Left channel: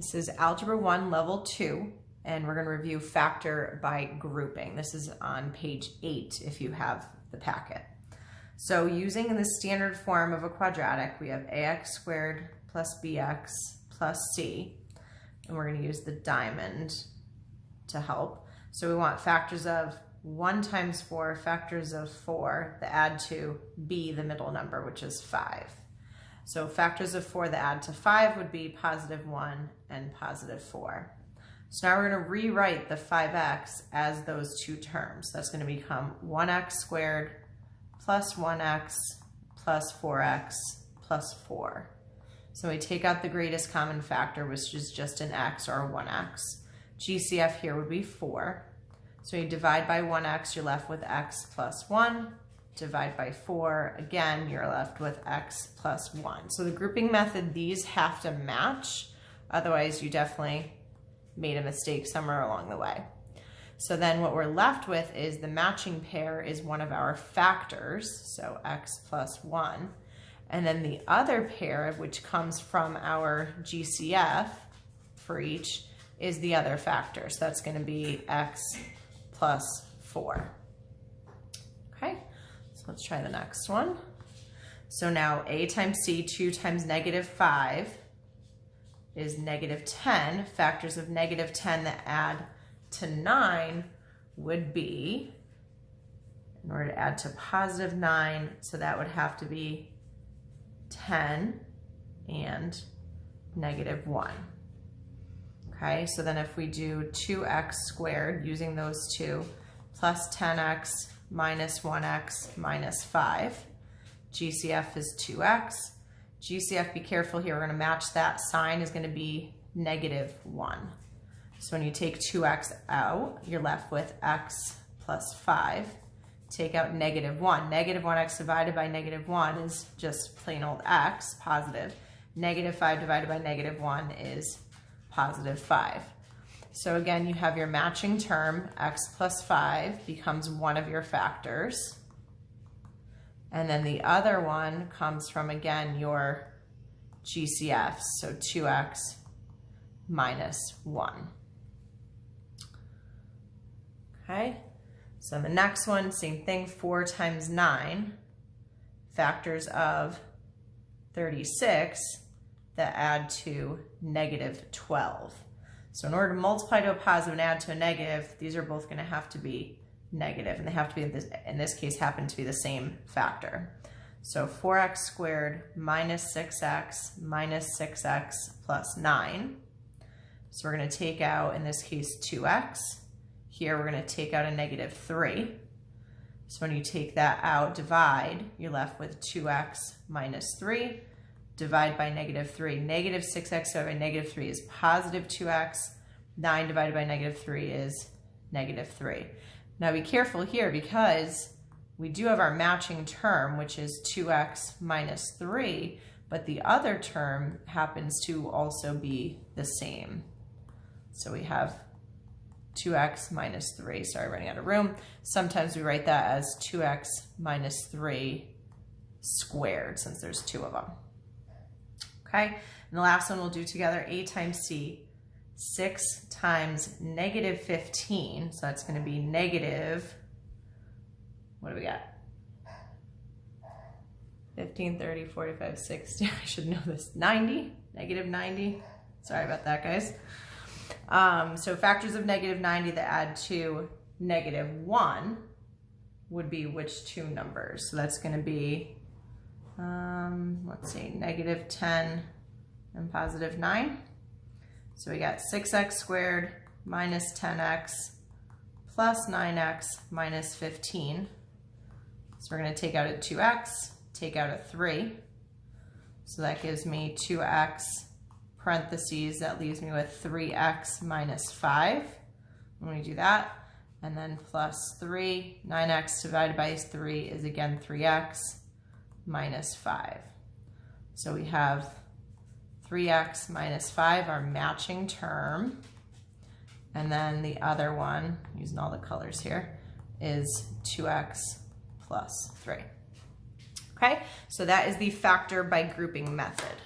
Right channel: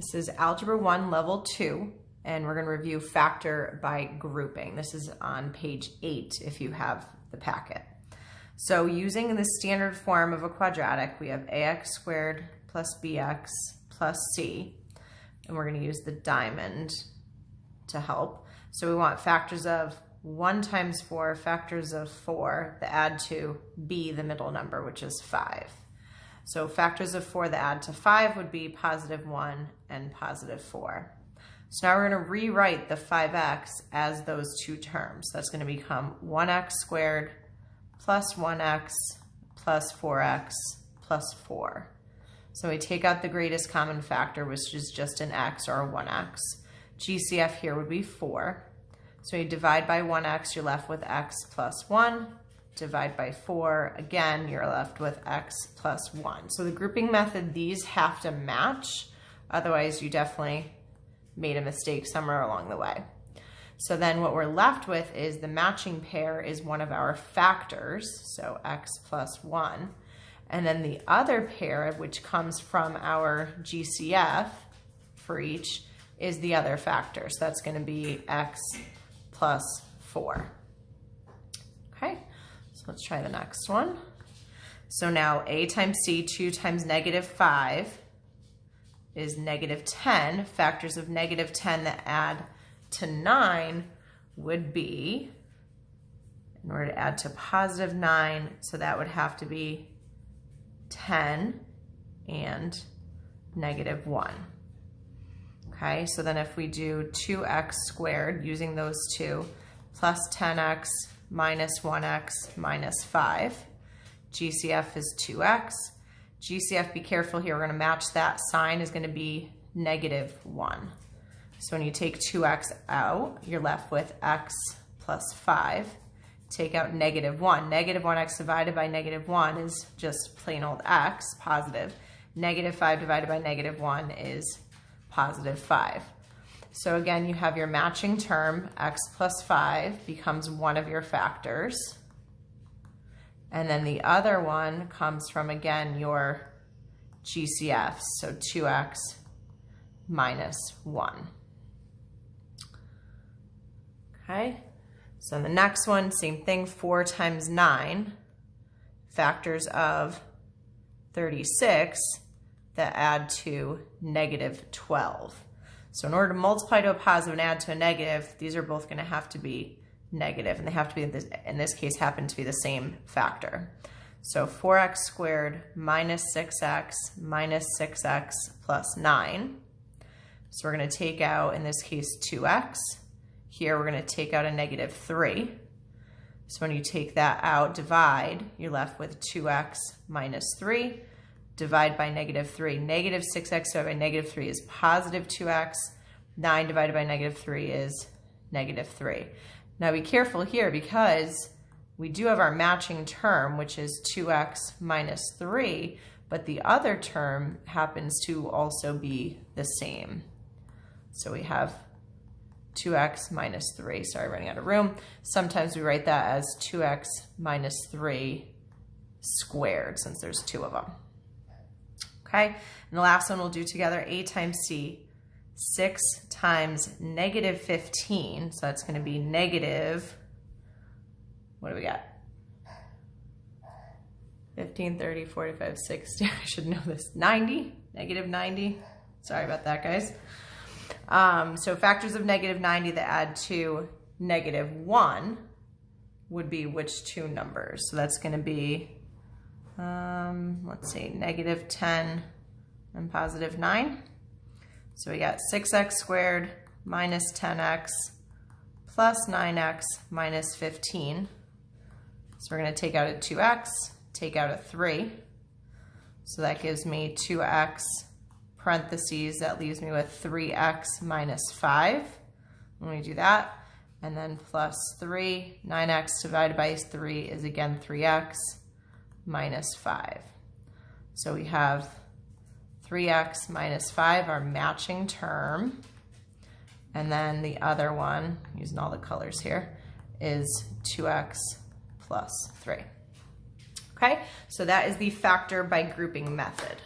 This is Algebra 1, Level 2, and we're going to review factor by grouping. This is on page 8 if you have the packet. So using the standard form of a quadratic, we have ax squared plus bx plus c, and we're going to use the diamond to help. So we want factors of 1 times 4, factors of 4 that add to b, the middle number, which is 5. So factors of 4 that add to 5 would be positive 1 and positive 4. So now we're going to rewrite the 5x as those two terms. That's going to become 1x squared plus 1x plus 4x plus 4. So we take out the greatest common factor, which is just an x or a 1x. GCF here would be 4. So you divide by 1x, you're left with x plus 1. Divide by 4, again, you're left with x plus 1. So the grouping method, these have to match. Otherwise, you definitely made a mistake somewhere along the way. So then what we're left with is the matching pair is one of our factors, so x plus 1. And then the other pair, which comes from our GCF for each, is the other factor. So that's going to be x plus 4. Okay, so let's try the next one. So now a times c, 2 times negative 5 is negative 10. Factors of negative 10 that add to 9 would be, in order to add to positive 9, so that would have to be 10 and negative 1. Okay, so then if we do 2x squared using those two, plus 10x minus 1x minus 5, GCF is 2x. GCF, be careful here, we're going to match that sign is going to be negative 1. So when you take 2x out, you're left with x plus 5. Take out negative 1. Negative 1x divided by negative 1 is just plain old x, positive. Negative 5 divided by negative 1 is positive 5. So again, you have your matching term, x plus 5 becomes one of your factors. And then the other one comes from, again, your GCF, so 2x minus 1. Okay, so the next one, same thing, 4 times 9, factors of 36 that add to negative 12. So in order to multiply to a positive and add to a negative, these are both going to have to be negative, and they have to be, in this case, happen to be the same factor. So 4x squared minus 6x plus 9. So we're going to take out, in this case, 2x. Here we're going to take out a negative 3. So when you take that out, divide, you're left with 2x minus 3. Divide by negative 3. Negative 6x divided by negative 3 is positive 2x. 9 divided by negative 3 is negative 3. Now be careful here because we do have our matching term, which is 2x minus 3, but the other term happens to also be the same. So we have 2x minus 3. Sorry, running out of room. Sometimes we write that as 2x minus 3 squared, since there's two of them. Okay, and the last one we'll do together, a times c, 6 times negative 15, so that's going to be negative, what do we got? 15, 30, 45, 60, I should know this, 90, negative 90, sorry about that, guys. So factors of negative 90 that add to negative 1 would be which two numbers? So that's going to be, let's see, negative 10 and positive 9. So we got 6x squared minus 10x plus 9x minus 15. So we're going to take out a 2x, take out a 3. So that gives me 2x parentheses, that leaves me with 3x minus 5. Let me do that. And then plus 3, 9x divided by 3 is again 3x minus 5. So we have 3x minus 5, our matching term. And then the other one, using all the colors here, is 2x plus 3. Okay, so that is the factor by grouping method.